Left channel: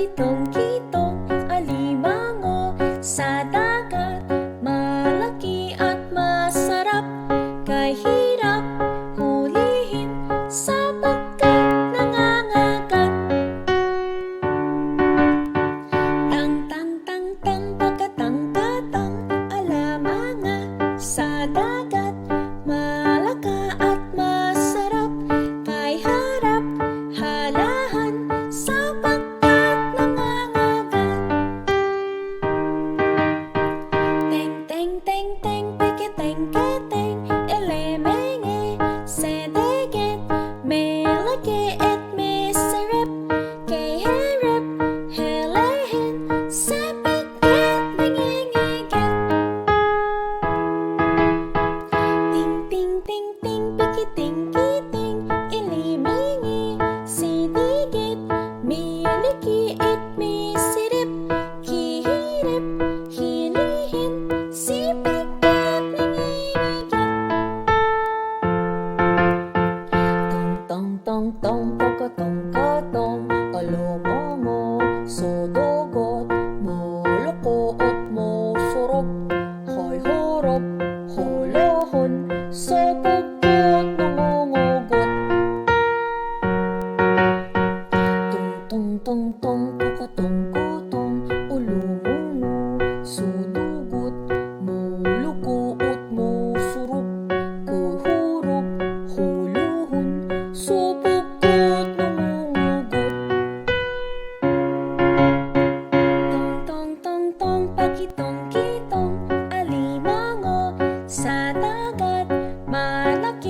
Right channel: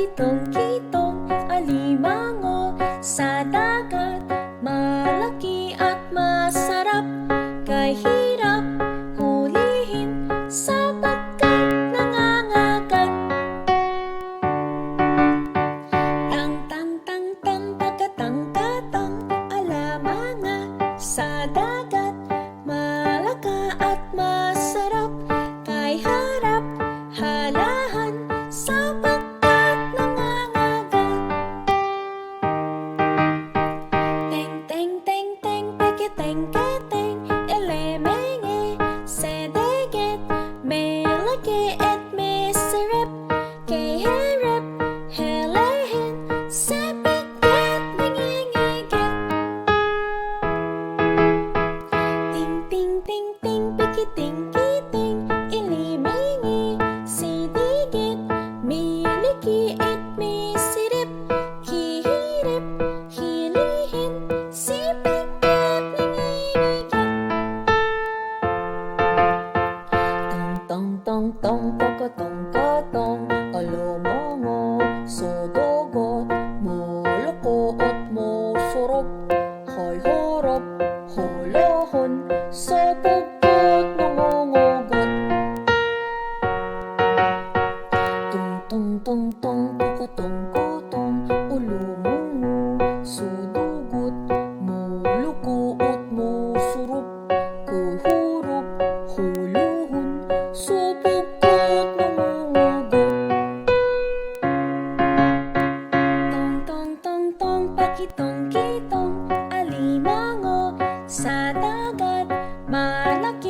Pakitong-kitong, alimango sa dagat, malaki at masarap, kay hirap hulihin sapagkat nangangagat. Tang, tang, tang, tang, pakatang-katang, alamanga sa dagat, malaka at masarap, kay harap, halahan, sapagkat nangangagat. Teng, teng, teng, teng, peketeng-keteng, Elemenge sa deget, meleke et meserep, kay herep, helehen, sepegket, nangangagat. Ting, ting, ting, ting, pikiting-kiting, Elemenge sa deget, meleke et meserep, kay herep, helehen, sepegket, nangangagat. Tong, tong, tong, pokotong-kotong, Alamango sa dagat, malaki at masarap, kay harap, halahan, sapagkat nangangagat. Tong, tong, tong, tong, pukutung-kutung, Alamango sa dagat, malaki at masarap, kay harap, halahan, sapagkat nangangagat. Tong, tong, tong, tong, pakitong-kitong, alimango sa dagat, malaki